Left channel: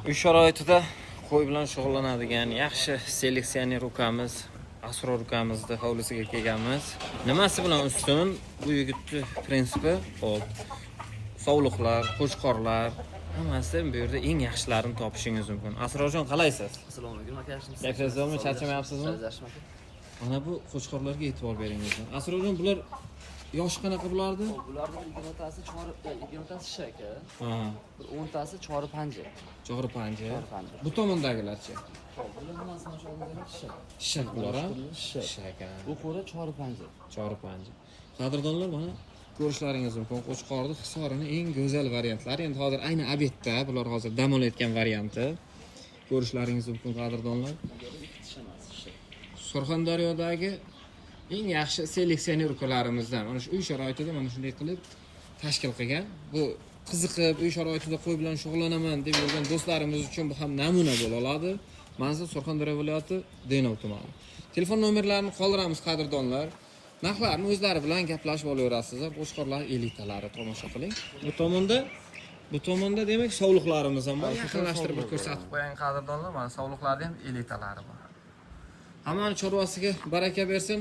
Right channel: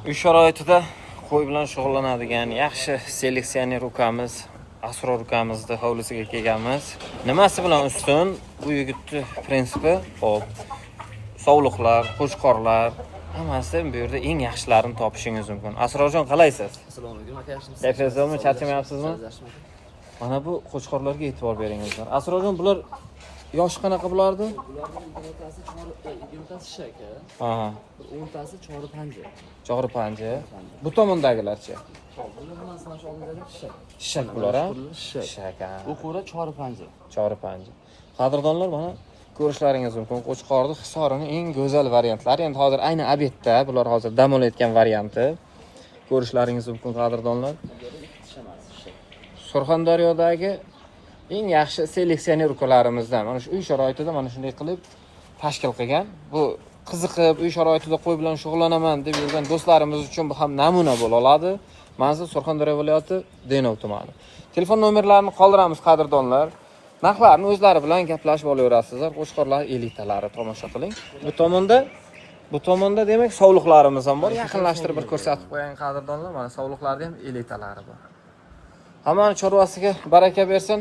Uy sharoitida qo'y bilan shug'ullanadigan yaxshi seleksioner ukamiz, Asror ukamizni hovlisiga kelganmiz. Nimasi bilan ustun? Bu yigitning prinsipi, hop, sovliqlar, qo'chqorlar, hammasi bu yerda eng yaxshilarini topishingiz mumkin. Asrorjon, qalaysiz? Assalomu alaykum aka, yaxshimisiz? Kayfiyatsizmi, charchamayapsizmi? Mana bu qo'chqorlarga e'tibor beringizlar. Asrorjon, bular yoshi qanaqa bulardi? Bularning ikkinotasi shaka. Aha. Bir 10tasi chori panja. Chog'ri panja. Bu tomondagilarchi? Bular mana shu oldidagi shak. Shak bular, ha? Shak. Shak. Bu qo'ra chori panja. Chog'ri panja. Qadrdonlar, mana ko'rishlaringiz mumkin. Qo'chqorning hisorini eng go'zal variantlari. Endi hozir ayni obyektda bular hozir dam olayotgan varianti. Ko'rishlaringiz mumkin, qadrdonlar. Surxondaryodagi eng yaxshi seleksioner ukalarimizdan. Mana shu uy sharoitida mana shunday qilib tashkil qilgan. Bu qiziqib uy sharoitida qo'y bilan shug'ullanaman deb yurgan do'stlarimiz uchun bu ham namuna bo'la oladi. Manzil Surxondaryo viloyati Denov tumani. Telefon nomerlarini qoldiramiz, qadrdonlar. Narxlarni o'zlari bilan gaplashib olaverasizlar. Qo'chqorlar elitalari tomosha qiling. Bu tomonda demak sovliqlarimiz ham bor. Yaqinlashtirib bir ko'rsatib qo'ying, qadrdonlar. Mana sovliqlarning ham elitalari bor. Hammani chorvasiga baraka bersin.